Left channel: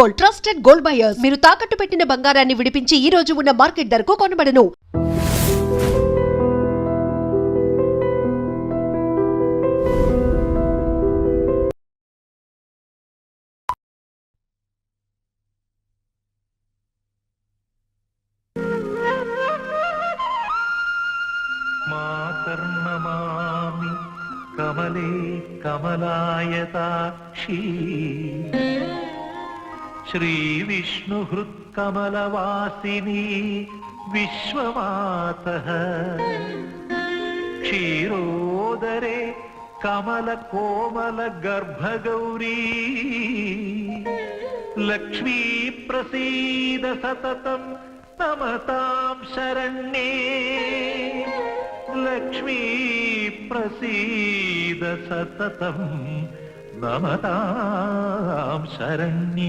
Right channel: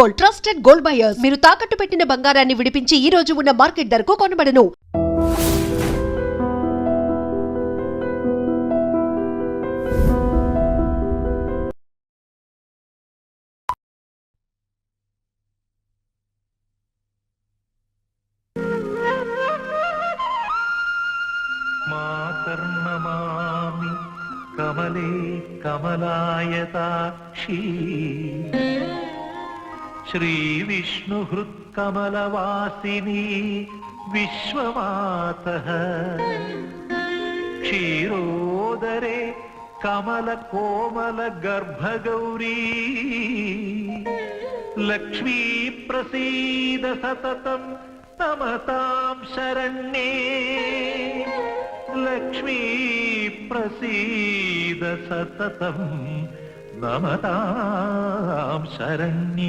Gold, trusted gold buyers. మీరు తాకట్టు పెట్టిన బంగారాన్ని విడిపించి ఈ రోజు ఉన్న మార్కెట్ ధరకు కొనబడను. మాతర్నమామి కమలే కమలాయతాక్షి శ్రీ విష్ణుహృత్కమలవాసిని విశ్వమాతః క్షీరోదరే కమల కోమల గర్భగౌరీ లక్ష్మీ ప్రసీద సతతం నమతాం శరణ్యే లక్ష్మీ ప్రసీద సతతం నమతాం శరణ్యే.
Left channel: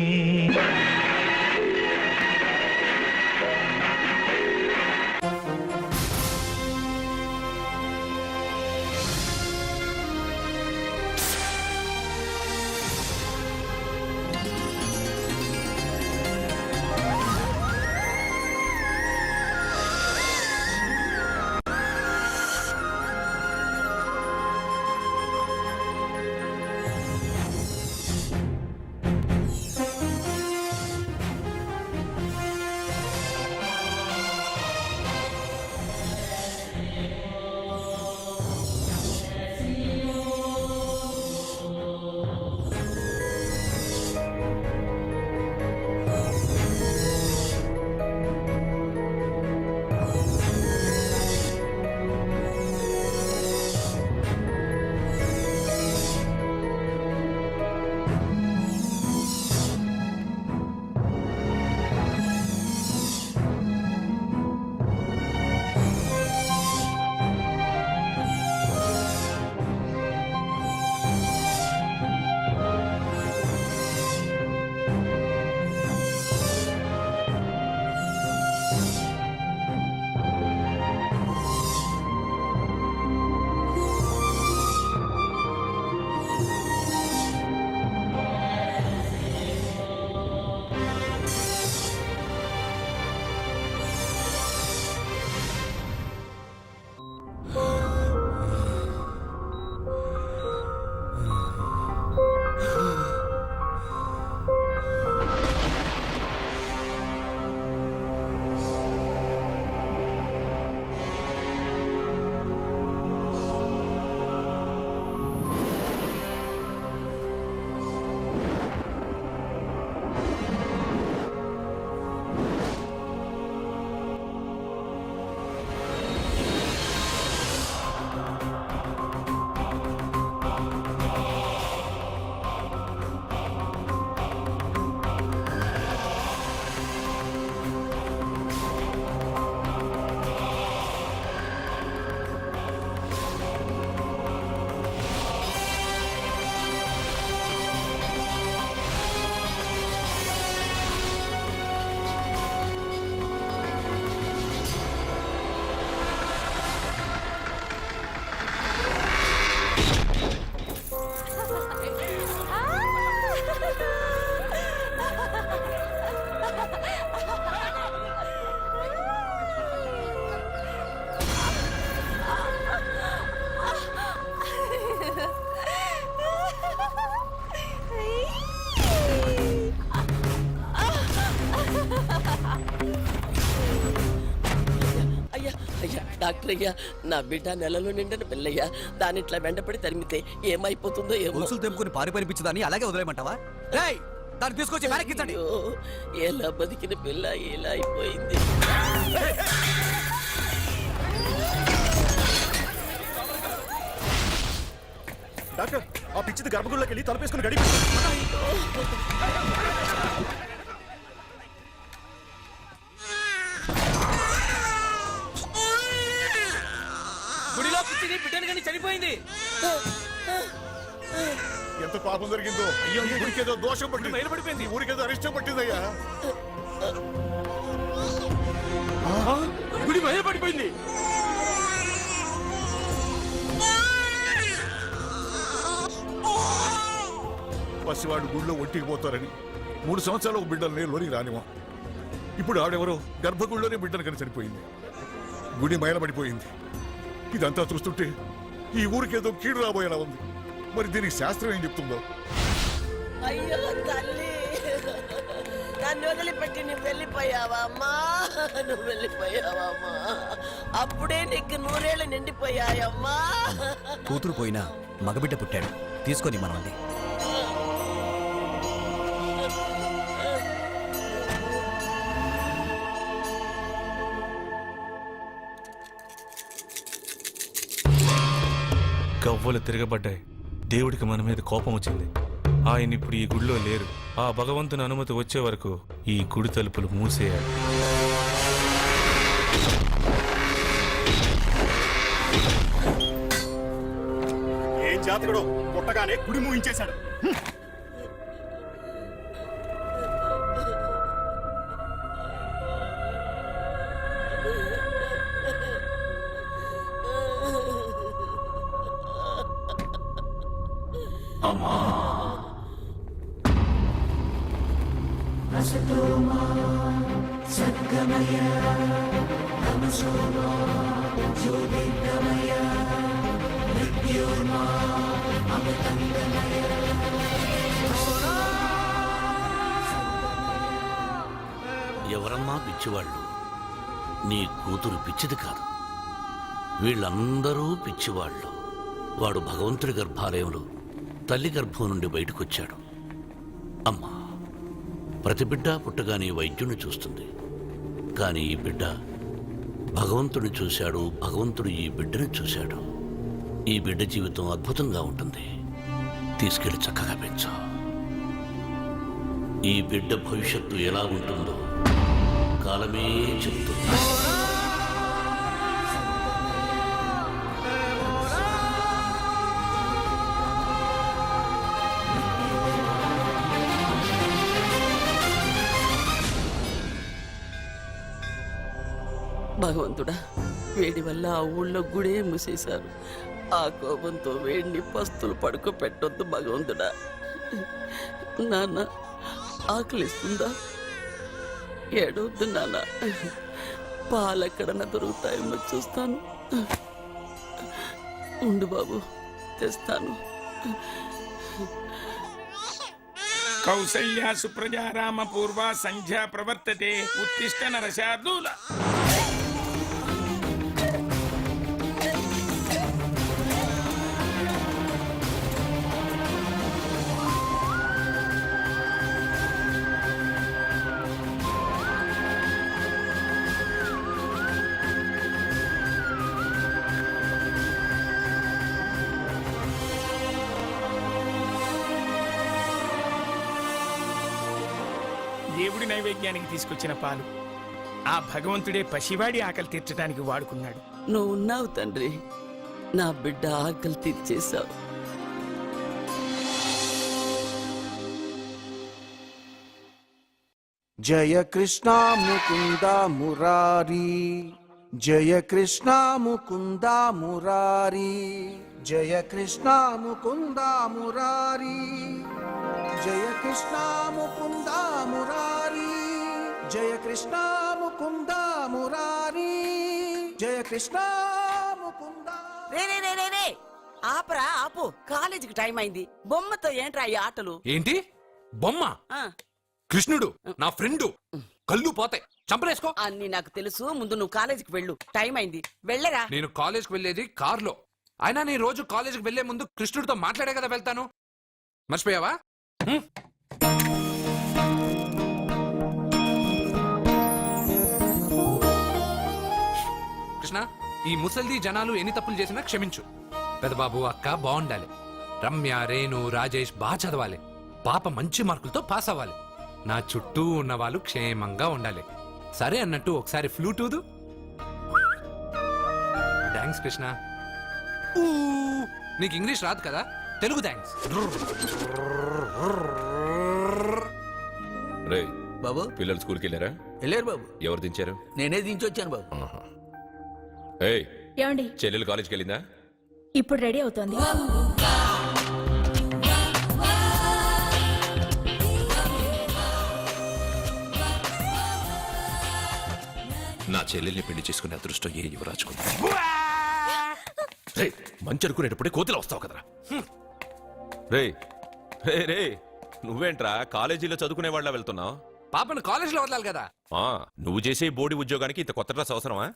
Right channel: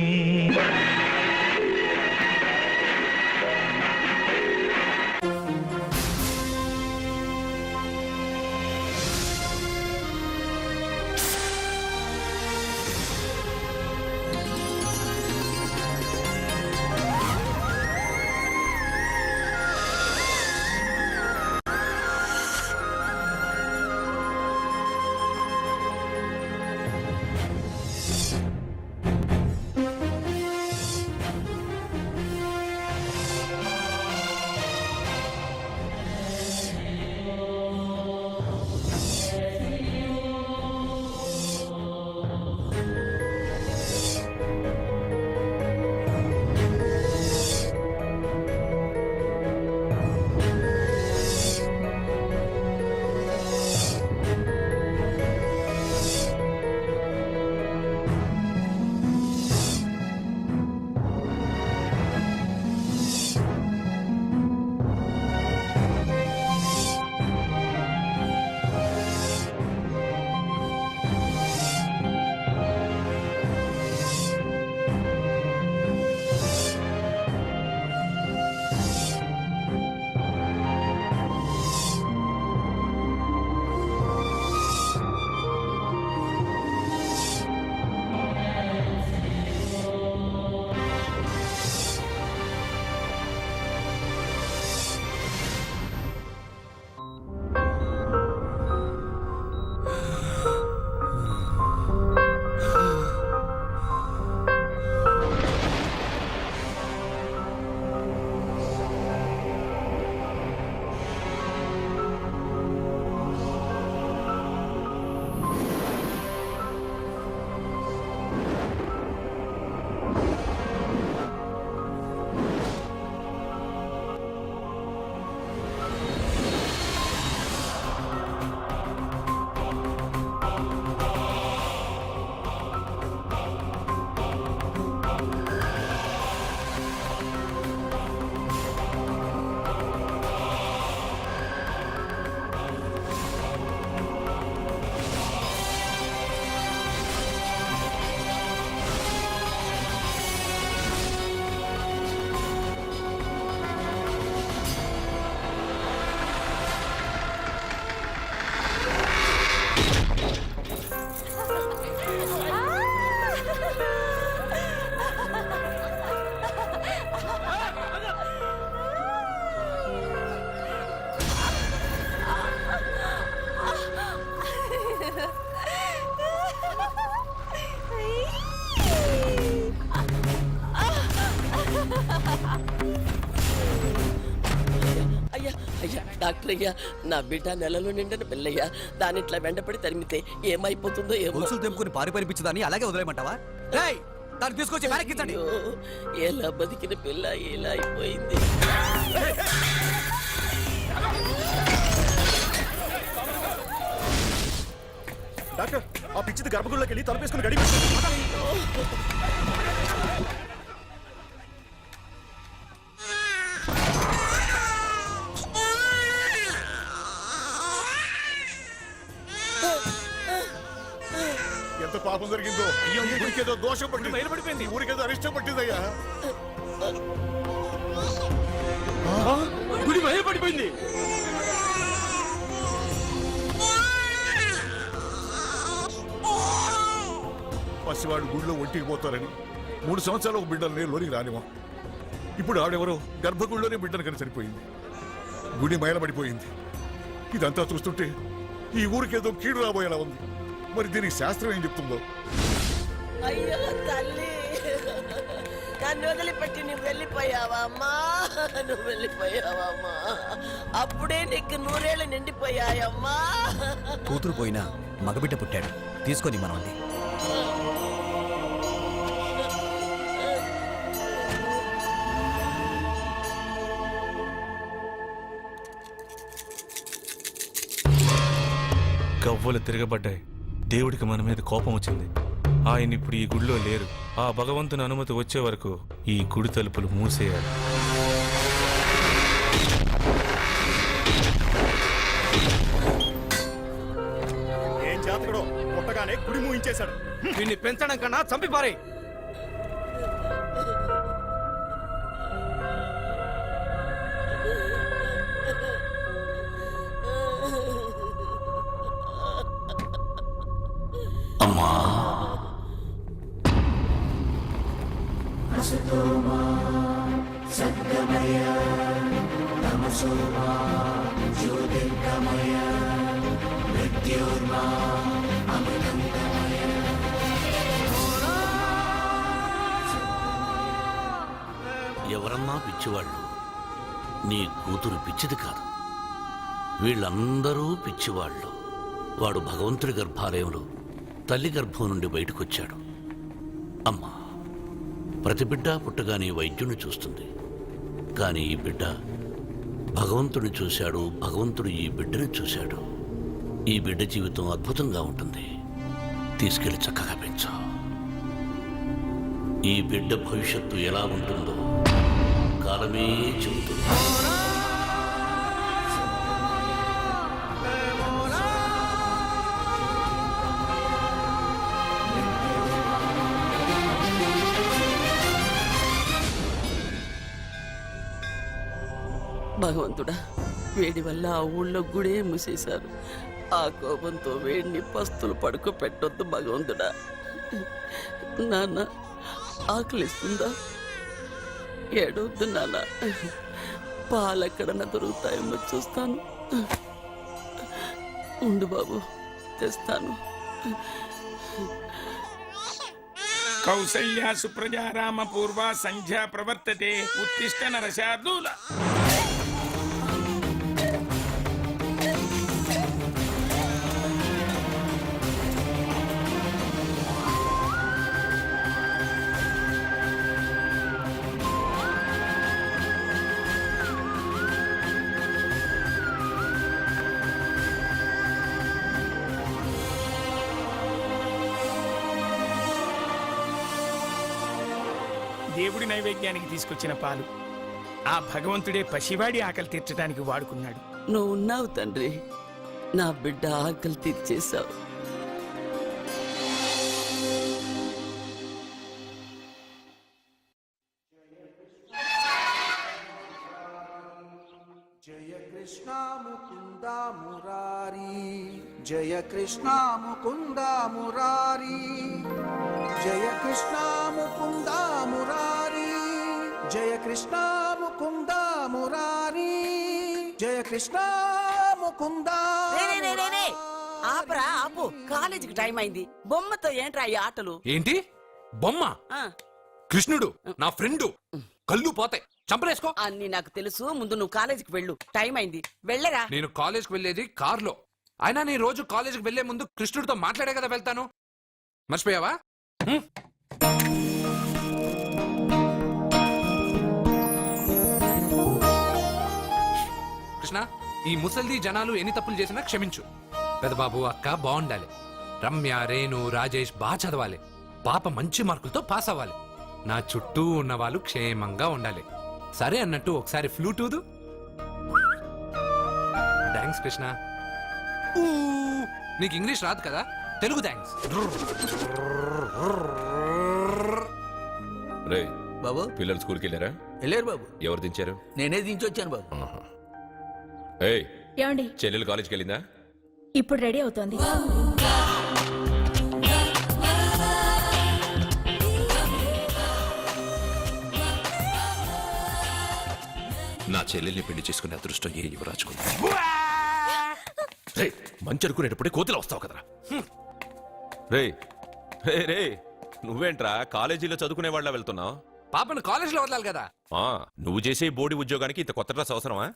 అయ్యా అయ్యా డాక్టర్ అయ్యా, నా బిడ్డ నెలలో నిండిన పిల్లయ్యా. దాని ఇట్లా వెంటపడి తరిమితే ఏమైపోతుందో ఏమో. గొలుసులు తెంపుకుని పారిపరిపించదాన్ని అలాగే వదిలేయమంటావా? దాన్ని తీసుకొచ్చి వెనక్కించండి. ఎలా బతికిన పిల్ల ఇలా అయిపోయింది. డాక్టర్, ఆ పిచ్చిది గర్భగుడిలోకి వెళ్ళి తలపేసుకుని గడిపి. ఎంత పాపం జరిగిందో. అయ్యో, ఊరికేదో దోషం పట్టింది, ఊరికేదో అరిష్టం పట్టిందయ్యా. గుడి పడిపోయింది. పసివాడు గుడిలో ఒంటికి పోతారని 3 సంవత్సరాలు ఒక బిడ్డల్ని లోనికి రానివా. ఇప్పుడు ఆడెవరో గర్భగుడిలోనే బిడ్డను కని చనిపోయింది. గుడి మైలబడిపోయింది. ఇదంతా చూస్తుంటే ఈ ఊరికేదో కీడు రాబోయేలా ఉంది. మరి దీనికి శాస్త్రం ఏం చెప్తుందో. అయ్యో తల్లి, నన్ను వదిలిపెట్టి నువ్వు వెళ్ళిపోయావా అమ్మా? నువ్వు వెళ్ళిపోయావా అమ్మా? అప్పుడే నీకు 100 ఏళ్ళు నిండిపోయాయమ్మా. కూతురు పోయినా మగబిడ్డ పుట్టాడు, తీసుకొని మనల్ని. గవ్వలు తిరగబడ్డాయి. దేవుడికి మన మీద కోపం వచ్చింది. ఆయన ఇప్పుడు ఈ గుడిలో లేరు. ఆ భగవంతుని అనుమతి వచ్చే వరకు ఈ గుడి తలుపులు మూసేయాలి. ఏం జాతకుడు పుట్టగానే గుడి మూయించేశాడు. దీన్ని పెంచడం కన్నా చంపిపారే. ఎవరమ్మా పిచ్చివాళ్ళు? నీ కూతురు పిచ్చిది కాదు, వీళ్ళందరూ పిచ్చివాళ్ళు. వాడు భగవంతుడి గర్భాలయంలో తల్లి గర్భం నుండి బయటకొచ్చాడు. అమ్మా, ప్రతి బిడ్డ పుట్టగానే వైద్యుని చూస్తుంది. కానీ ఈ బిడ్డ భగవంతుడిని చూశాడు, భగవంతుడు ఈ బిడ్డని చూశాడు. ఈ బిడ్డ జీవితం అద్భుతంగా ఉంటుంది. తీసుకెళ్లి చక్కగా పెంచు. ఈ బిడ్డ భవిష్యత్తు ఎలా ఉంటుందో కాలమే చెబుతుంది. భగవంతుడా, వేడి వల్ల ఆ ఊళ్ళో గుడే మూసేశారు. ఆ కోపంతో వేడిని పస్తులు పడుకోపెట్టొద్దు భగవంతుడా. నాన్న, ఆకలిస్తుందా? ఏడవద్దు నాన్న, పాలెక్కడన్నా దొరుకుతాయేమో చూస్తాను. ఉండు బాబు, తెస్తాను. కౌసల్యా సుప్రజా రామ పూర్వ సంధ్యా ప్రవర్తతే ఉత్తిష్ట నరశార్దూల. దేవుడి నైవేద్యానికి తీసుకొచ్చిన పాలు ఆ భగవంతుడే పసివాడి ఆకలి తీర్చడానికి వాడుకున్నాడు. నువ్వు ఉన్నావు తండ్రి, నా బిడ్డ ఆకలి తీర్చేశావు. జయ కృష్ణ ముకుంద మురారి, జయ కృష్ణ ముకుంద మురారి, జయ కృష్ణ ముకుంద మురారి, జయ కృష్ణ ముకుంద మురారి, జయ కృష్ణ ముకుంద మురారి, జయ కృష్ణ ముకుంద. ఆపరా, ఆపు. కాలేజీకి టైం అయింది. బొమ్మతో ఏంట్రా ఈ ఆటలు? ఏంటి బొమ్మ? కృష్ణుడు నా ఫ్రెండు. కళ్ళు పోతాయి, చంపలేసుకో. అన్ని నాకు తెలుసు. ముందు నువ్వు కాలేజీకి వెళ్ళు, టైం అయింది. వెళ్ళరా. నేను కాలేజ్కి వెళ్ళేది కార్లో. అయినా నేను రోజు కాలేజ్కి వెళ్లే ముందు కృష్ణుడితో మాట్లాడే కదా వెళ్తాను. మర్చిపోయావా? కృష్ణ, ఈ ముసల్ది జనాలు ఎన్ని తప్పులు చేసినా క్షమించు. పెదబాబు, అక్క బాగుండాలి. రమ్య, రేణు, రాజేష్ బాగా చదవాలి. పాప మంచి మార్కులతో పాస్ అవ్వాలి. నా చుట్టూ ఉన్న వాళ్ళు క్షేమంగా ఉండాలి. సరే అన్నట్టు ఒకసారి ఫ్లూట్ ఊదు. థ్యాంక్స్ కృష్ణ. నీకు ఇంగ్లీష్ రాదు కదా, తెలుగు థ్యాంక్స్. రే బాబు, పిల్లలు స్కూల్కి వెళ్ళారా? వెళ్ళారు బాబు. ఎవరు దించారు? నేనే దించొచ్చాను బాబు. ఏయ్, ఏమండి, చెల్లెలు కాలేజ్కి వెళ్ళిందా? ఇప్పుడు రెడీ అవుతోంది. నా చెల్లెల్ని పెళ్లి చేసుకునే అదృష్టం ఏ యువరాజుకు రే మంచి అనుకునేటప్పుడే కోతిలో వస్తావు కదరా రే రే రే నువ్వేంట్రా కాలేజీలో చదువుకునే వాళ్ళ వెళ్తున్నావు? పాపను కాలేజ్ లో వదలాలి కదా. నువ్వు చేసే బోడి ఉద్యోగానికి ఇంత కొత్త డ్రెస్ అవసరమా?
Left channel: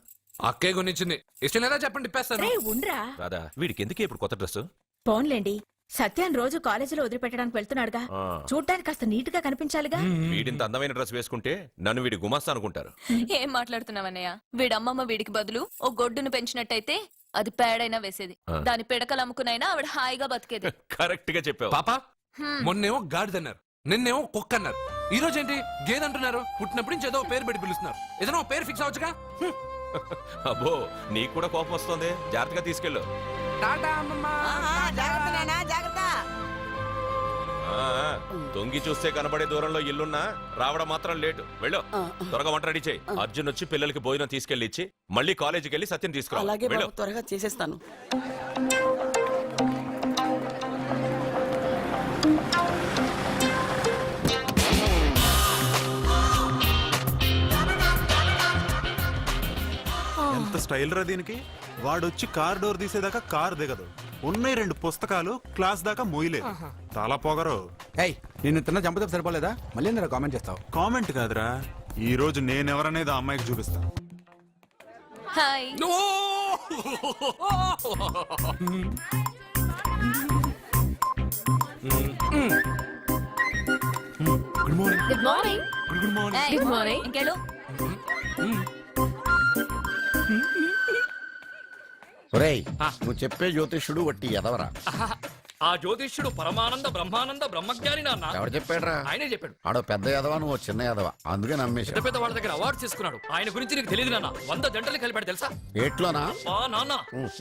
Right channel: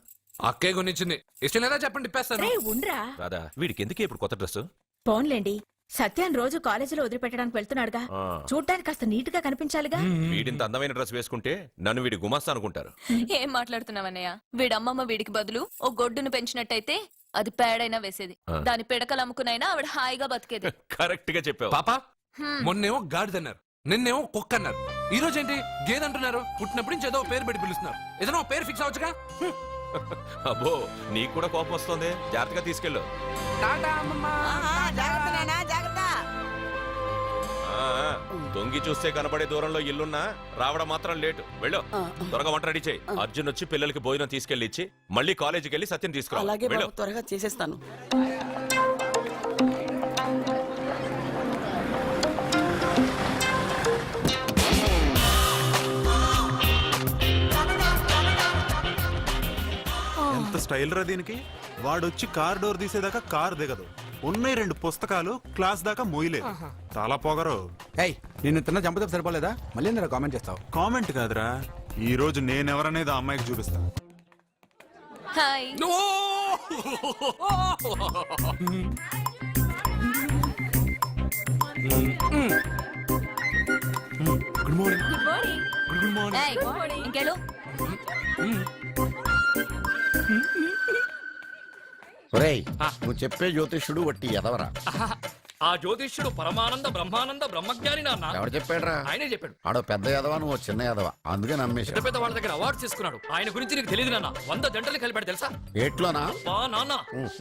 అక్కే కొనిచ్చింది. ఇష్టం లేదా చెప్పండి, ఇప్పేస్తాను. రే ఉండ్రా. రాదా వీడికి ఎందుకే ఇప్పుడు కొత్త డ్రెస్? పోన్లేండి, సత్యాన్ని రోజు కాలేజీలో వదిలిపెట్టడానికి వెళ్తున్నాడుగా, చూడ్డానికి కాస్త నీట్ గా కనిపించాలిగా. వీడింత అందమైన డ్రెస్ వేసుకుంటే నన్ను వీడి గుమాస్తా అనుకుంటారు. ఏం మాట్లాడుతున్నావన్నయ్య? వీడమ్మమ్మ వీడికి బదులు ఓ గొడ్డును పెంచినట్టయితే అది పేడైనా వేసేది, దాని పిడకలు అమ్ముకునైనా ఆవిడ హాయిగా బతికేది. కరెక్ట్ గా చెప్పావు. పాప మొన్నేమో గాడిదన్నారు, నిన్నేమో కుక్క అన్నారు, ఈ రోజు ఏంటి గేదంటున్నారు? పుట్టినప్పుడు నుంచి ఏదో పేరు పెట్టి పిలుస్తున్నారు. ఏదైనా పేరు ఫిక్స్ అవ్వచ్చుగా. అబ్బో నీకు కూడా కోపం వస్తుంది, జాగ్రత్తగా తీసుకెళ్ళు. తొంగి చూస్తే కనబడే దూరంలో ఇల్లున్నా రావడం మాత్రం లేటు. వెళ్ళు, త్వరగా వంట రెడీ చేయి. అర్జున్ వచ్చి పిల్లలకి భోజనం తీసుకెళ్లి ఇచ్చి మళ్ళీ కాలేజీకి వెళ్ళి సత్యం తీసుకురా. అలాగే బాబు, త్వరగా చేసేస్తాను. ఎంత స్టైల్ రా దీనికి. వాడొచ్చి కార్ డోర్ తీసేదాకా కార్ దిగదు. ఉన్నాయి 2 పుస్తకాలు, క్లాస్ దాకా మోయలేదు. చాలా పొగరు. నిన్ను తిన్న చంపతో సరిపోలేదా? మళ్ళీ ఎందుకు కామెంట్ చేస్తావు? కామెంట్ కాదురా, ఈ రోజు నేనెవరనేది ఆ అమ్మాయికి చూపిస్తా. Hi. Good morning. Good morning. Good morning. ఏయ్, గుడ్ మార్నింగ్. ఇంకేళ్ళు ఒరేయ్, నువ్వు చెప్పే జ్యోతిష్యుడు వట్టి ఎదవరా? ఆ జ్యోతిష్యుడు పరమానంద బ్రహ్మానంద బ్రహ్మజ్ఞాని నాన్న. ఎవరు చెప్పాడురా? ఆయనే చెప్పాడు. ఆడో పెద్ద ఎదవా, నువ్వు చిన్న ఎదవా, అందుకే నమ్మేశా. పెద్ద పెద్ద వాళ్ళ దగ్గర అవార్డు తీసుకున్నాడు. ఆయన గురించి నీకు తెలియదు నాన్న. 100 జంటలు కలిపాడు తెలుసా? ఏట్లోనా? నాన్న,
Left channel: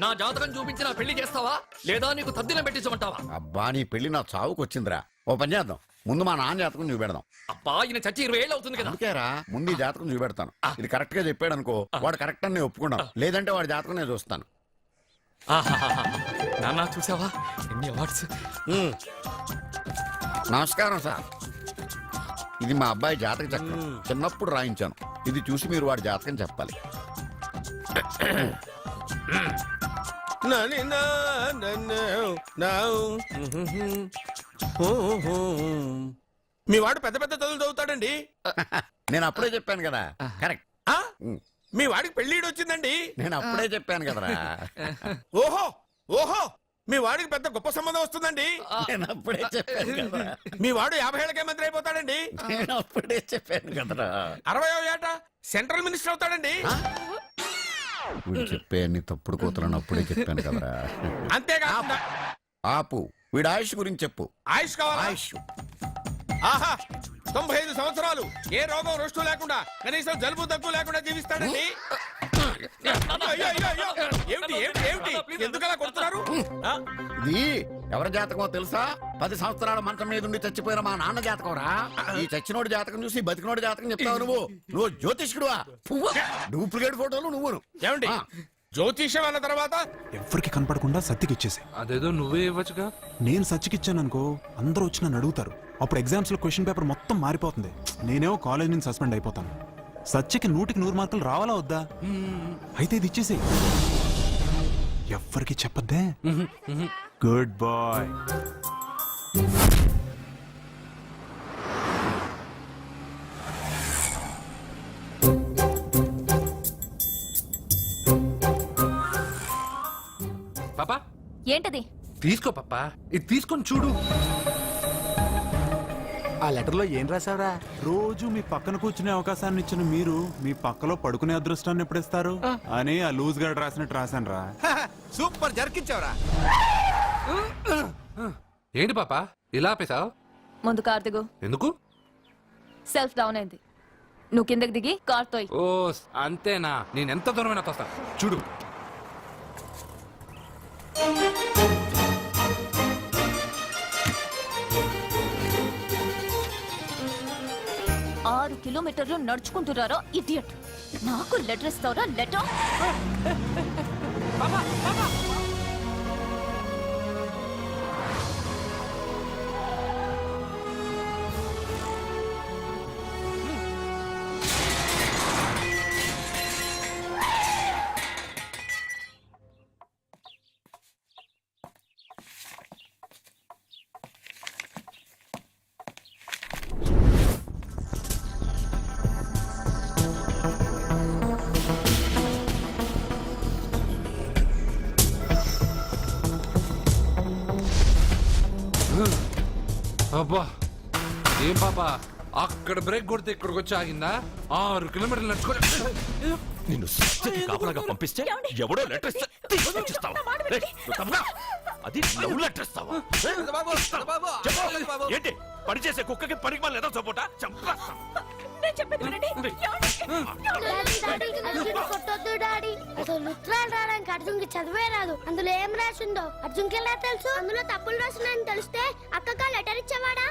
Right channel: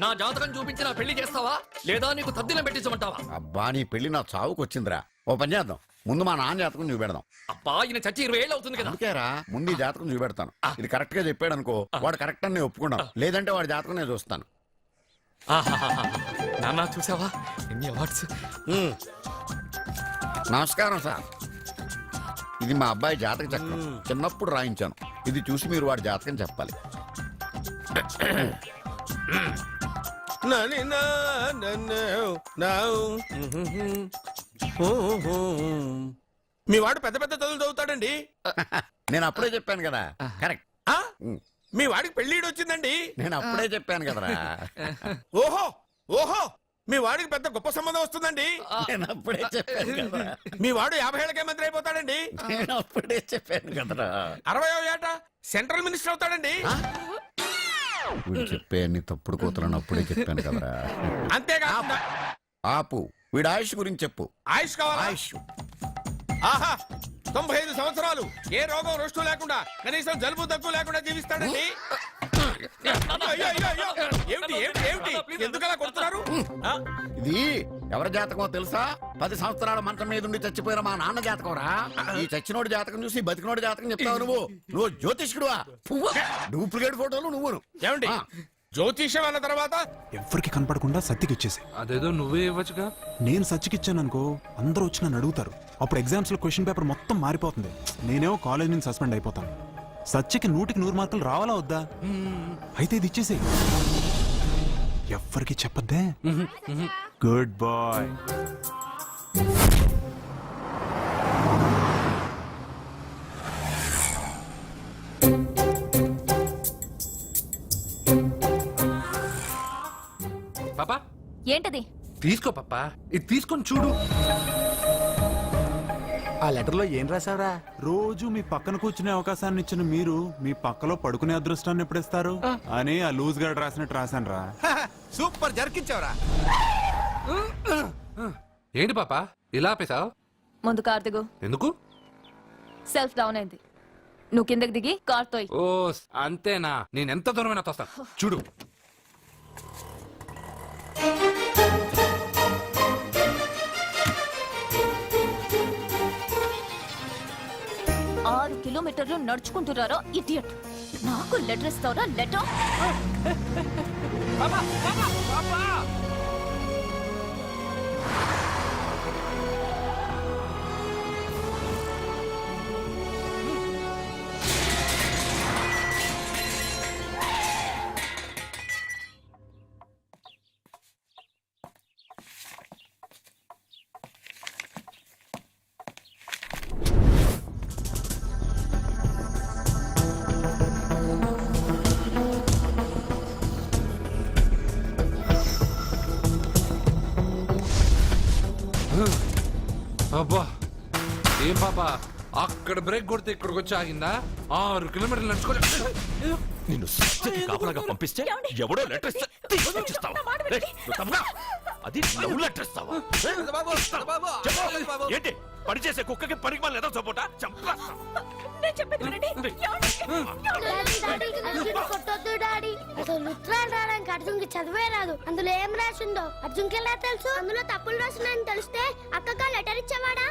నా జాతకం చూపించి నా పెళ్లి చేస్తావా లేదా నీకు తద్దిలం పెట్టించమంటావా? అబ్బా, నీ పెళ్లి నా చావుకు వచ్చిందిరా. ఓ పని చేద్దాం, ముందు మా నాన్న జాతకం చూపెడదాం. అబ్బా, ఈయన చచ్చి 20 ఏళ్ళు అవుతుంది కదా. అందుకేరా ముందు ఈ జాతకం చూపెడతాను. ఇది కరెక్ట్ గా చెప్పాడు అనుకో, వాడు కరెక్ట్ అని నేను ఒప్పుకున్నాను. లేదంటే వాడి జాతకం నేను చూస్తాను. నాన్న, చూసావా ఎన్ని అవార్డ్స్? నమస్కారం సార్, ఇది మా అబ్బాయి జాతక చక్రం. చిన్నప్పుడు రాయించాను. ఇది చూసి మీరు వాడి జాతకం చెప్పాలి. మీ వాడు పెద్ద పెద్ద చదువులు చదువుతాడండి. నేను అప్పుడే చెప్పాను కదా. కరెక్ట్. మీ వాడికి పెళ్లిడు వచ్చిందండి. నేను అప్పుడే చెప్పాను కదరా. ఓహో ఓహో, మీ వాడికి పెద్ద గొప్ప సంబంధం వస్తుందండి. నేను అప్పుడే చెప్పాను కదరా. మీ వాడు 50 ఏళ్ళకే మంత్రి అయిపోతాడండి. నేను అప్పుడే చెప్పాను కదరా. 60వ ఏట సెంట్రల్ మినిస్టర్ అవుతాడండి. వీడు చెప్పే అన్ని తప్పుడు కూతురని అప్పుడే చెప్పాను కదరా. అంతేకాకుండా ఆపు, వీడి ఆయుష్ గురించి చెప్పు. ఆయుష్ కావాలా? ఆయుష్ ఆహా, 95 సంవత్సరాలు ఏ రోగం రుష్టు లేకుండా, కనీసం జలుబు దగ్గు లేకుండా జీవిస్తాడండి. అయ్యో, అయ్యో, అయ్యో. ఏమిటి ఏమిటి ఏమిటి, ఎందుకలా కొడుతున్నారు? ఇది ఎవరి జాతకమో తెలుసా? 10 సంవత్సరాల మంచం మీద ఉండి చచ్చిపోయిన మా నాన్న జాతకం రా. ఈ చచ్చినోడి జాతకం చూసి బతికినోడి జాతకం చెప్తావు నువ్వు జ్యోతిష్కుడువా? డూప్లికేట్ ఫోటోలు నువ్వును. ఏమండి, జ్యోతిష్యం అన్న తర్వాత ఎవరికి కనపడకుండా సత్యకి ఇచ్చేసి. అదేదో నువ్వే ఇవ్వచ్చుగా. నేను సత్యకి ఇచ్చాను అనుకో, అందరూ వచ్చి నన్ను అడుగుతారు. అప్పుడు ఎగ్జామ్స్ లో క్వశ్చన్ పేపర్ మొత్తం మారిపోతుంది. నేనేమో కాలేజ్ నుంచి సస్పెండ్ అయిపోతాను. సత్యకి 100కి 100 మార్కులు రావాలా వద్దా? అయితే ఇది ఇచ్చేసి. ఎవ్వరికి చెప్పద్దే. Good bye. పాపా ఏంటది? తీసుకో పాపా, ఇది తీసుకొని చూడు. ఆ లెటర్ లో ఏం రాసావురా? రోజు మీ పక్కన కూర్చునే అవకాశాన్ని ఇచ్చిన మీరు మీ పక్కలో పడుకునే అదృష్టాన్ని ఎప్పుడిస్తారు అని ఆ లూజ్ గార్డ్ రాసినట్టు రాశాను రా. సూపర్ జరికించావురా. ఏంటి పాపా ఇలా ఆపేశావు? ముందు కార్ దిగు. ఎందుకు? సెల్ఫ్ డౌన్ అయింది. నువ్వు కిందకి దిగి కార్ తోయ్. ఓ అంతేనా? నేను ఎంత దూరమైనా తోస్తాను, చూడు. ఆరు కిలోమీటర్లు నడుచుకుంటున్నారా ఇడియట్? నాకు లెటర్ ఇస్తావరా? లెటర్ అబ్బా ఏం పాప అక్కడ బ్రేక్ కొడితే ఇక్కడికి వచ్చి ఆగిందా 6 కిలోమీటర్లు నడుచుకోలే నిన్ను సత్యకి కాపలాగా పంపిస్తే ఎవడో లెటర్ ఇస్తే తీసుకొచ్చిస్తావా? రేయ్, నువ్వు తప్పగా. అది లవ్ లెటర్ ఇస్తావా? చెప్పు. ఏంటి పని చేసే కుక్కకి పనికి మళ్ళీ ఏదో సపోటా చంపేస్తావా? కొట్టొద్దు డాడీ. అసలు ఉత్తరాలు రావడానికి అర్జున్కి చదివే రాదు. అందులో ఏం రాసిందో అర్జున్కి ఎలా తెలుసు? అందులో తప్పులు రాస్తున్నాయని తెలిస్తే అక్కగా లెటర్ ఇచ్చేవాడా?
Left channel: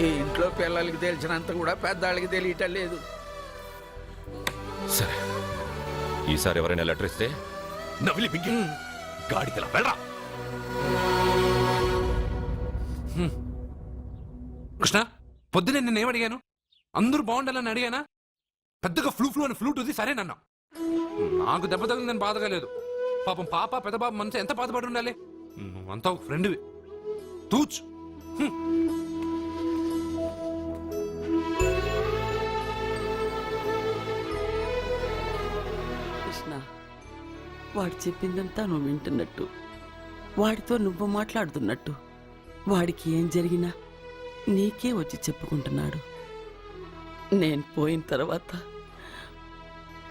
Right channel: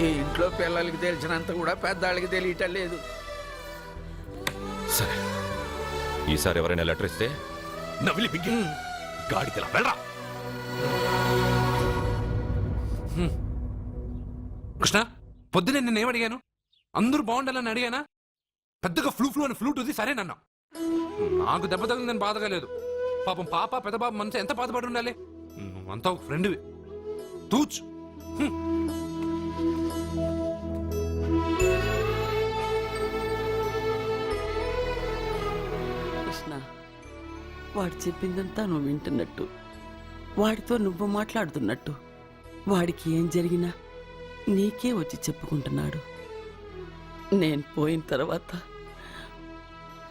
ఈ ఇంట్లో పిల్లలకి తెలిసినంత కూడా పెద్దవాళ్ళకి తెలియటం లేదు. సరే ఈసారి ఎవరైనా లెటర్ ఇస్తే నవిలి బింగి గాడికి వెళ్ళరా. కృష్ణ పొద్దునే నేను ఏమడిగాను? అందరూ బాగుండాలని అడిగానా? పెద్దగా ఫ్లూ అని ఫ్లూట్ ఉంది సరేనన్నా. నాకు దెబ్బ తగిలిందని బాధగా లేదు. పాపం పాప పెద్ద బాబు మనసు ఎంత బాధపడి ఉండాలి. నువ్వంతా ఒక ఫ్రెండ్వి. తూచ్. కృష్ణ, వాడు చెప్పిందంతా నువ్వు వింటున్నట్టు, వాడితో నువ్వు మాట్లాడుతున్నట్టు, వాడికి ఏం జరిగినా నీకే వచ్చి చెప్పుకుంటున్నాడు. నేను పోయిన తర్వాత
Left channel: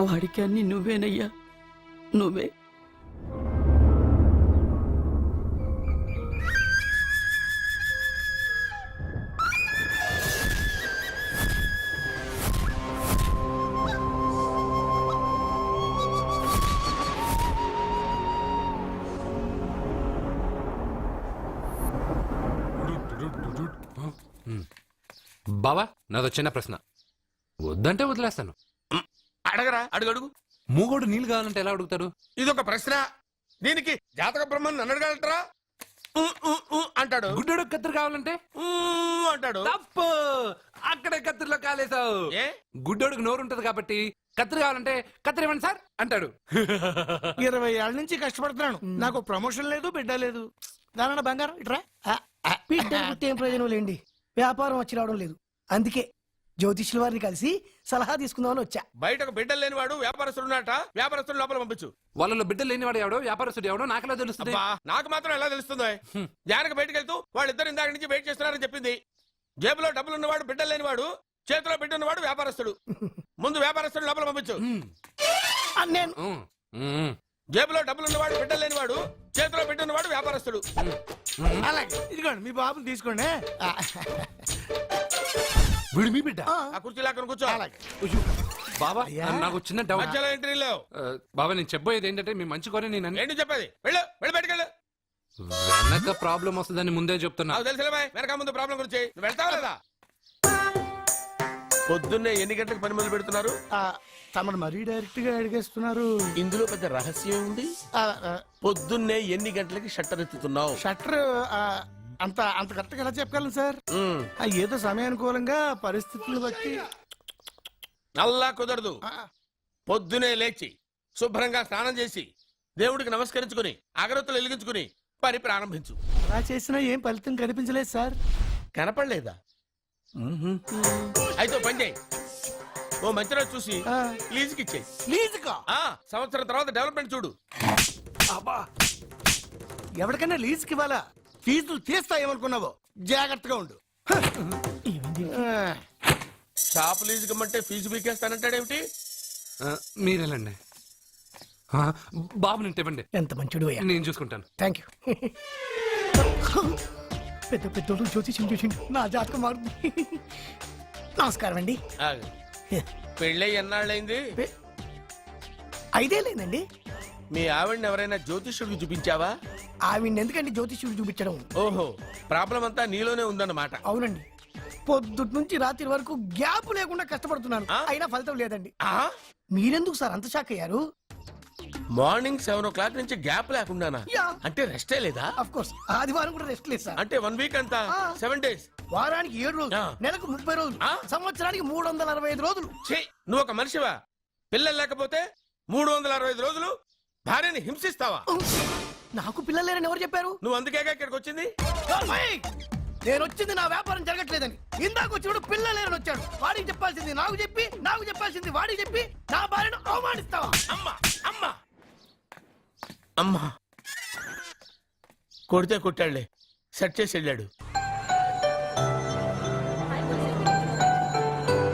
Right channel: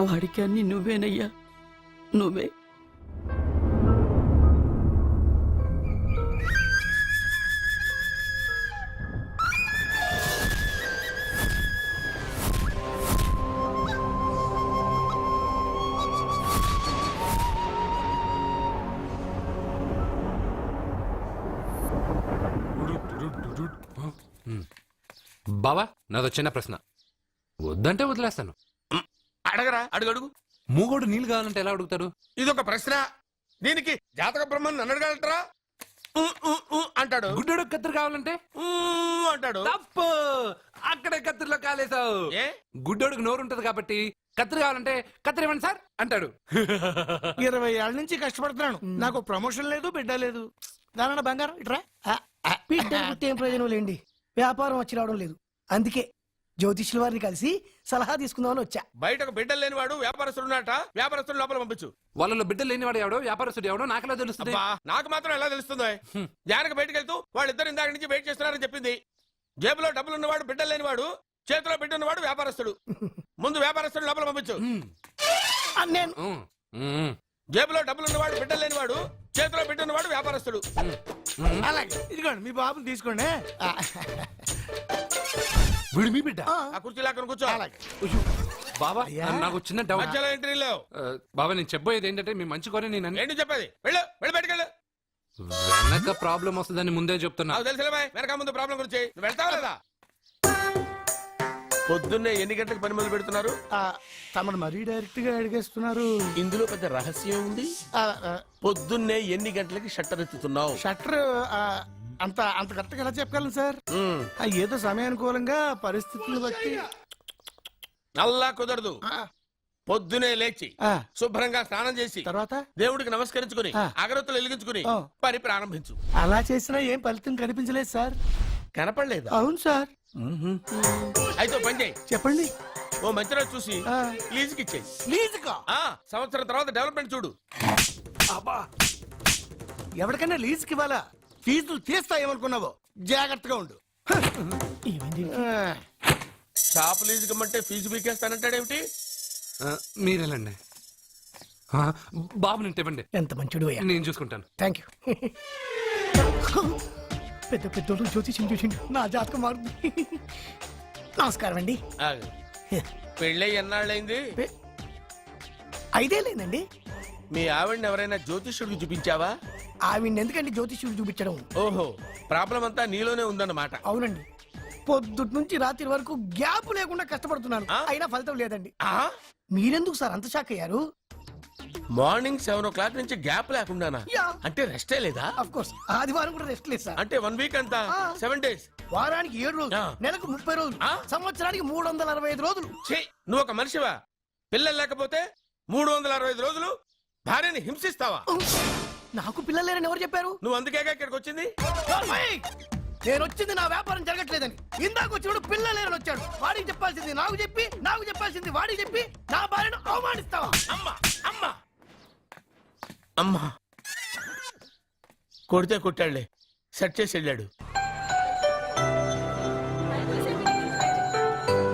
వాడికి అన్ని నువ్వేనయ్యా, నువ్వే. బావా నాదో చిన్న ప్రశ్న. వద్దంటే వదిలేస్తాను. అడగరా, అడుగు అడుగు. మూగోడు నీళ్ళు కావాలంటే ఎలా అడుగుతాడు? ఇదొక ప్రశ్న. దీనికి జాతక బ్రహ్మను నన్ను అడగలటరా? అంటాడు. గుడ్డోడు కత్తిరి కావాలంటే అంటాడు. తప్పు. అక్కడే కత్తిరిలో కాలేసావు. గుడ్డోడికి నోరు ఉంటది కాబట్టి కత్తిరి కావాలంటే కత్తిరి ఇవ్వండి సార్ అంటాడు. 20 ఏళ్ళ నుంచి కష్టపడుతున్నాను, నాకు ప్రమోషన్ లేదు, బిడ్డ లేదు. దానన్న బంగారం ఇట్రా. బిడ్డ పుట్టి ఏం ప్రయోజనం లేండి, వ్యాపారం వచ్చి రావడం లేదు. అందుకే జ్యోతిష్యుల వారిని కలిసి సలహా తీసుకుందామని వచ్చా. బయటకు బిడ్డలు లేనివాడు వ్యాపారస్తుడు ఉన్నట. వ్యాపారస్తుడు లోపల పంపించు. వాళ్ళలో బిడ్డలు లేనివాడు ఎవడో వ్యాపారస్తుడు ఎవడో నాకెలా తెలుస్తుంది? నాకు మాత్రం ఎలా తెలుస్తుందో? జానకి బయటకు వెళ్తూ వాళ్ళిద్దరు ఇందాక నుంచి వెయిట్ చేస్తున్నారని చెప్పింది. జేబులో డబ్బులు ఉన్నవాడు బిడ్డలు లేనివాడు, చేతిలో బిడ్డ ఉన్నవాడు వ్యాపారస్తుడు. ముందు వ్యాపారస్తుడు లోపల పంపించు. నేను జేబులో డబ్బులు ఉన్నవాడు బిడ్డలు లేనివాడు, చేతిలో బిడ్డ ఉన్నవాడు వ్యాపారస్తుడు. అలాగే ఇదిగోండి మీ బాబుని తీసుకోండి. వీడు మీ బిడ్డ? ఆ కుర్చీలో అక్కడ కూర్చో. బాబా నాకు చిన్న డౌట్. మధ్యలో ఎంట్రీ లేవు. బాబా నేను చెప్పబోయేది ఏంటంటే మీ మంచి కోరే నేను ఏంటి చెప్పేది? వెళ్ళు, వెళ్ళి బయటకెళ్ళు. వెనక ప్రాబ్లం వస్తుందని ముందే చెప్తున్నా. నాకు తెలుసులే బాయ్, వెనక ముందు ప్రాబ్లం గురించి. నువ్వు వెళ్తావా లేదా? పొద్దున్నే ఎన్ని గంటలకు పని మొదలు పెడుతున్నారు? తమను మరీ డైరెక్ట్ గా అడిగేస్తున్నారు. ఇందులో పెద్ద రహస్యం ఉంది. పొద్దున్నే ఎన్ని గంటలకి షట్టర్ ఎత్తుతున్నావు? షట్టర్ అంత అంత కరెక్ట్ గా ఎలా చెప్పగలను సార్? ఏదో సమయానుకూలంగా పరిస్థితులను బట్టి. అల్లా కుదరదు. పొద్దునే లేచి శుభ్రంగా స్నానం చేసి తర్వాత దేవుడికి నమస్కరించుకుని అగరత్తులు వెలిగించుకుని పని ప్రారంభించు. అలా చేసినా ఏం ఫలితం కనిపించలేదు సార్. కనపడలేదు? అవును సార్. అయితే పని చేయి. చెప్పండి. ఓ మంచి రోజు చూసి లీజుకి ఇచ్చేయి. లీజుకా? సంవత్సరం తర్వాత డెవలప్మెంట్ చూడు. అబ్బా, ఎవరికైనా లీజుకి ఇవ్వాలా? ఫీజులు తీస్తాయేమనుకున్నావో, జాగ్రత్తగా ఉండు. షాప్ లీజుకి ఇమ్మంటే ఫీజు పీకేస్తానంటాడేమిటి? మీరేలండి బాబు నేను ఇవ్వండి. ఎంత మంచిడు అయ్యా. నేను చూసుకుంటాను. Thank you. పెద్ద పెద్దోళ్ళు జ్యోతిష్యం చూసిండు, నా జాతకం మారుంది. నమస్కారం అండి. పెళ్ళై ఎన్నాళ్ళైంది? 5 ఏళ్ళైందండి. మీ ఆవిడని ఎవరైనా జ్యోతిష్యుడికి చూపించావా? ఆవిడ ఎందుకండి జ్యోతిష్యుడు చూపించడం? ఓహో, ప్రాబ్లం అంతా నీలోనే ఉందన్నమాట. అవునండి, పొద్దుటి నుంచి రాత్రి వరకు గ్యాప్ లేకుండా కష్టపడుతున్నాను, అయినా ఫలితం లేదండి. మీరెందుకు సార్ అంత షాక్ అయ్యారు? మార్నింగ్ 7 o'clock నుంచి గ్యాప్ లేకుండానా? అంటే రెస్టే లేదా? ఆఫ్ కోర్స్, ఆదివారం కూడా రెస్ట్ లేదు సార్. అంటే 1 వీక్ అంతా 7 days. వారానికి 7 రోజులు, నెలకు 30 రోజులు, సంవత్సరానికి 365 రోజులు. నువ్వు ఒక మనిషివా? పిల్లలు లేకపోతే 365 రోజులు భార్యని హింసిస్తావా? నాకు పిల్లలు లేరని ఎవరు చెప్పారు? నువ్వు అందుకేగా ఇక్కడికి వచ్చింది. నేను వచ్చింది నా వ్యాపారం జరగట్లేదని. ఇందాక వచ్చినప్పుడు పిల్లలు లేరని వచ్చాడు. వాడికి చెప్పాల్సింది నాకు చెప్పి, నాకు చెప్పాల్సింది వాడికి చెప్పి నా భార్యను అవమానిస్తావా? అమ్మా అమ్మా అమ్మా, కొడితే కొట్టాడులే, సెట్ చేసి వెళ్ళాడు